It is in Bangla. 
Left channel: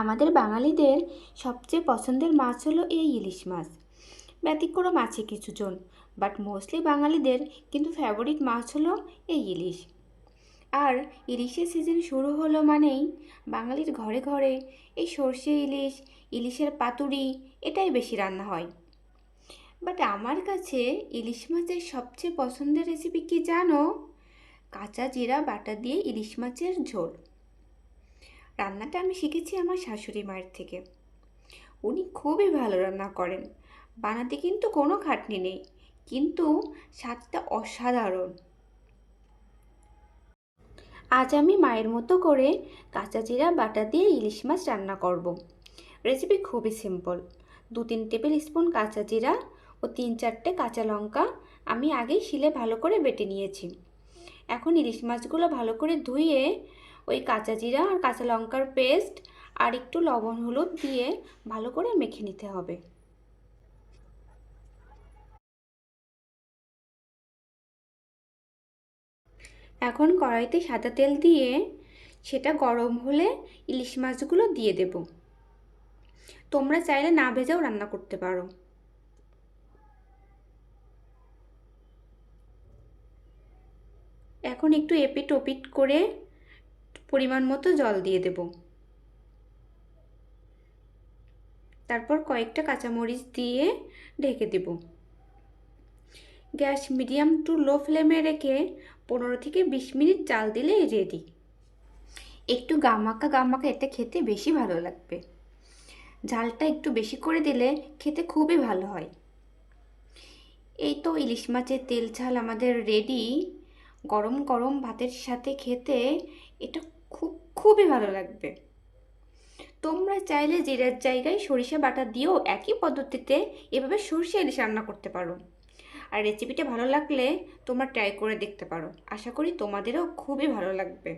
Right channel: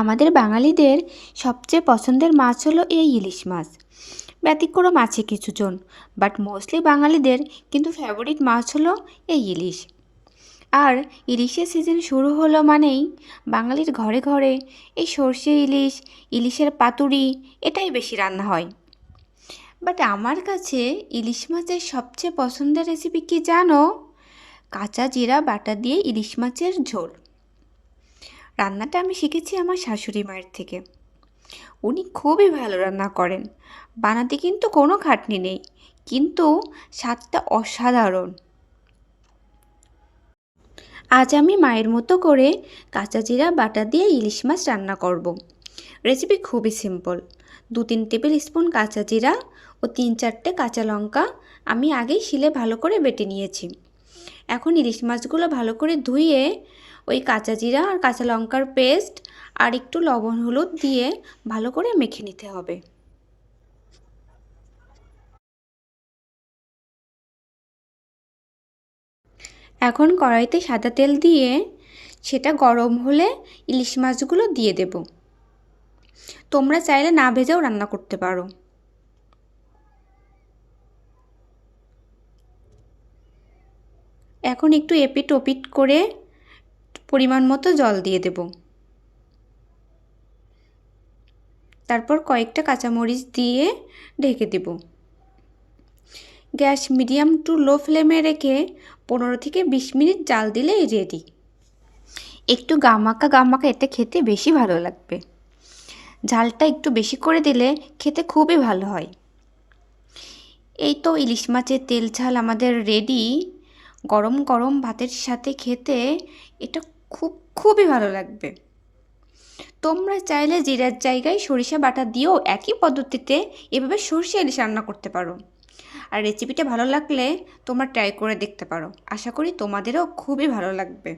আমাদের বাঙালিদের সবচেয়ে পছন্দের মাছ হলো এই ইলিশ মাছ। ব্যতিক্রম আছে কিছুজন, বাট মোস্টলি বাঙালিদের কিন্তু ফেভারিট মাছ হলো এই ইলিশ। আর ইলিশের সিজন শুরু হলো মানেই বাঙালির ঘরে ঘরে এই সর্ষে ইলিশ, ইলিশের পাতুরি এটাই বেশি রান্না হয়। বাট আমার কাছে ইলিশ মাছের সবচেয়ে পছন্দের রেসিপি কি জানো? কাঁচা জিরা বাটা দিয়ে ইলিশ মাছের ঝোল। রান্নাটা আমি শিখেছি আমার শাশুড়ি মায়ের থেকে। উনি খুবই ভালো রান্না করেন। বানাতে কিন্তু কোনো খাটনি নেই, কিন্তু স্বাদটা অসাধারণ। আজ আমি মায়ের মতো করে কাঁচা জিরা বাটা দিয়ে ইলিশ মাছ রান্না করব। রেসিপি খুবই সিম্পল। 2-3 টেবিল স্পুন কাঁচা জিরা ও 3-4টে কাঁচা লঙ্কা আমি আগেই শিলে ভালো করে বেটে নিয়েছি। এখন ইলিশ মাছগুলো ভালো করে ধুয়ে ওই কাঁচা জিরা আর কাঁচা লঙ্কার পেস্ট আর একটু লবণ হলুদ দিয়ে ভালো করে মেখে নিতে হবে। এখন কড়াইতে সাদা তেল দিয়ে সেটা গরম হলে ইলিশ মাছগুলো দিয়ে দেব। তোমরা চাইলে না ভেজেও রান্না করতে পারো। এখন একটু এপিট ওপিট করে পরিমাণ মতো জল দিয়ে দেব। তারপর কয়েকটা কাঁচামরিচ দিয়ে ঢেকে দেব। গ্যাস মিডিয়াম টু লো ফ্লেমে রেখে 15 থেকে 20 মিনিট জাল দিলেই রেডি। একটু গামাকা গামাকা এতে খেতে বেশি ভালো লাগবে। ঝালটা একটু বেশি করে দিলে খেতে খুবই ভালো হয়। এই তো ইলিশ মাছের তেল ঝাল আমাদের রেডি। গরম গরম ভাতের সাথে খেতে এটা খুবই ভালো লাগবে। তোমরা চাইলে জিরার জায়গায় সরিষা বাটা দিয়েও একই পদ্ধতিতে এভাবে সরষে ইলিশ রান্না করতে পারো। আর রেসিপিটা ভালো লাগলে তোমরা ট্রাই করে দেখতে পারো। আশা করি তোমাদেরও খুবই ভালো লাগবে।